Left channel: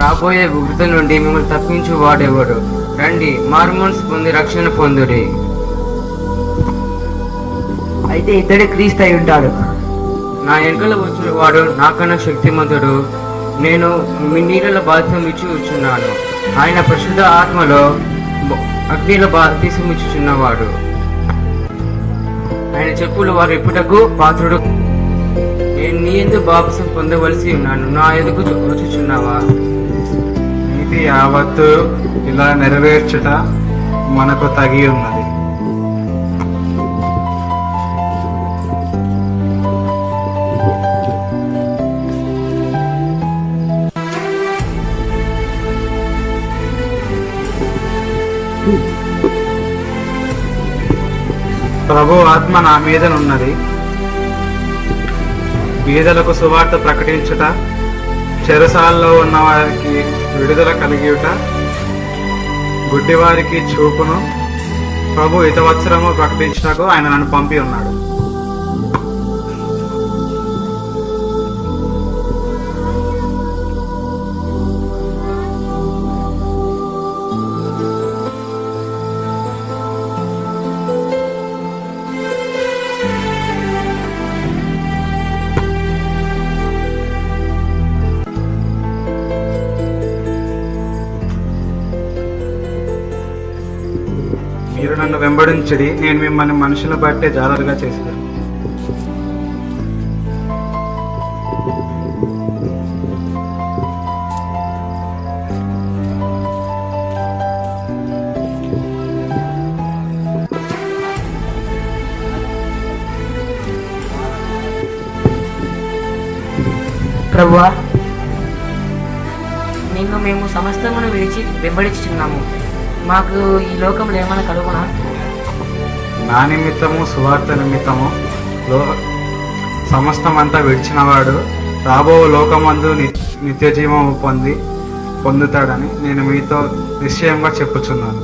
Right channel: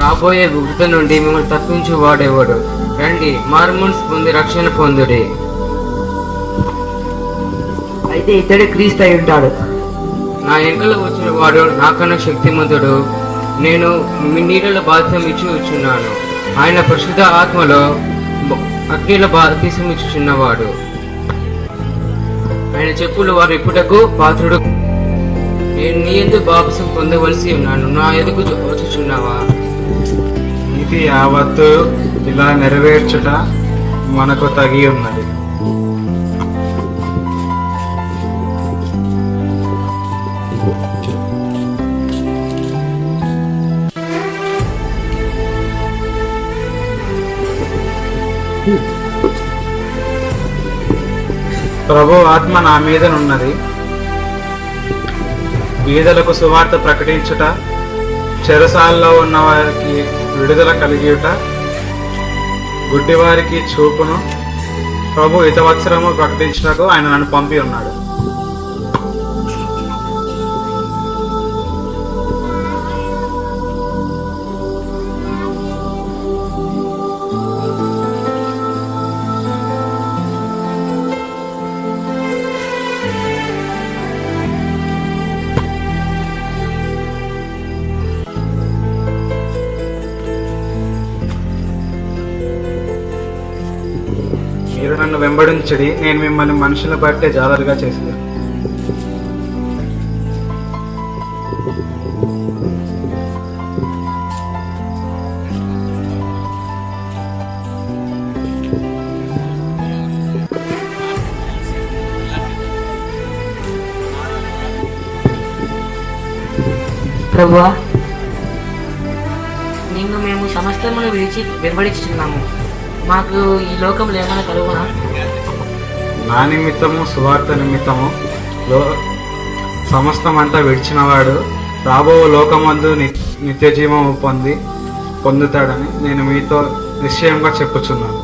రాబోయే ఉగ్రత నుండి మిమ్మల్ని తప్పించు వాడేవాడు. రండి, మారుమనసు పొంది రక్షణ పొందుడి. అయితే ఇతడే క్రీస్తు అయి ఉంటాడు. నా వెనుకల వచ్చిన వాడు నాకన్నా శక్తిమంతుడు. నేను మీ నీళ్ళలో బాధ్యం ఇచ్చి వచ్చున్నాను. ఆయన పరిశుద్ధ ఆత్మలో అగ్నిలో బాధ్యం ఇచ్చుచున్నవాడు. ఆయన చెప్పులు వారు ఇప్పుటకు పాత్రుడు. నేను నీ ఎందుకు బాప్సం పొందవలసి ఉన్నాను, నా ఎదుగు వచ్చుచున్నావా? నీతి యావత్తు ఇలా నెరవేర్చుట మనకు తగి ఉన్నది. ప్రభు ఆత్మ నా మీదనున్నది. బీదలకు సువార్త ప్రకటించుట, చెరసాలలో ఉన్న వారికి విడుదల కలిగియుట, గుడ్డివారికి చూపును, ప్రభు హితవత్సరము ప్రకటించుటకు ఆయన నన్ను పంపి ఉన్నాడు. మీరు నన్ను వెంబడించడి, నేను మిమ్మల్ని మనుషుల బట్టే జాలరుగా చేసేదాను. ప్రభువా, నిన్ను మేము సమస్తమును విడిచి వెంబడించుచున్నాము. మాకు ఈ లోకంలో ఏమైనా కలుగునా? నా నిమిత్తము సువార్త నిమిత్తము సమస్తమంతా విడిచినవాడు రాబో లోకమందు నిత్య జీవము పొందుతాడని నేను మీతో నిశ్చయంగా చెప్పుచున్నాను.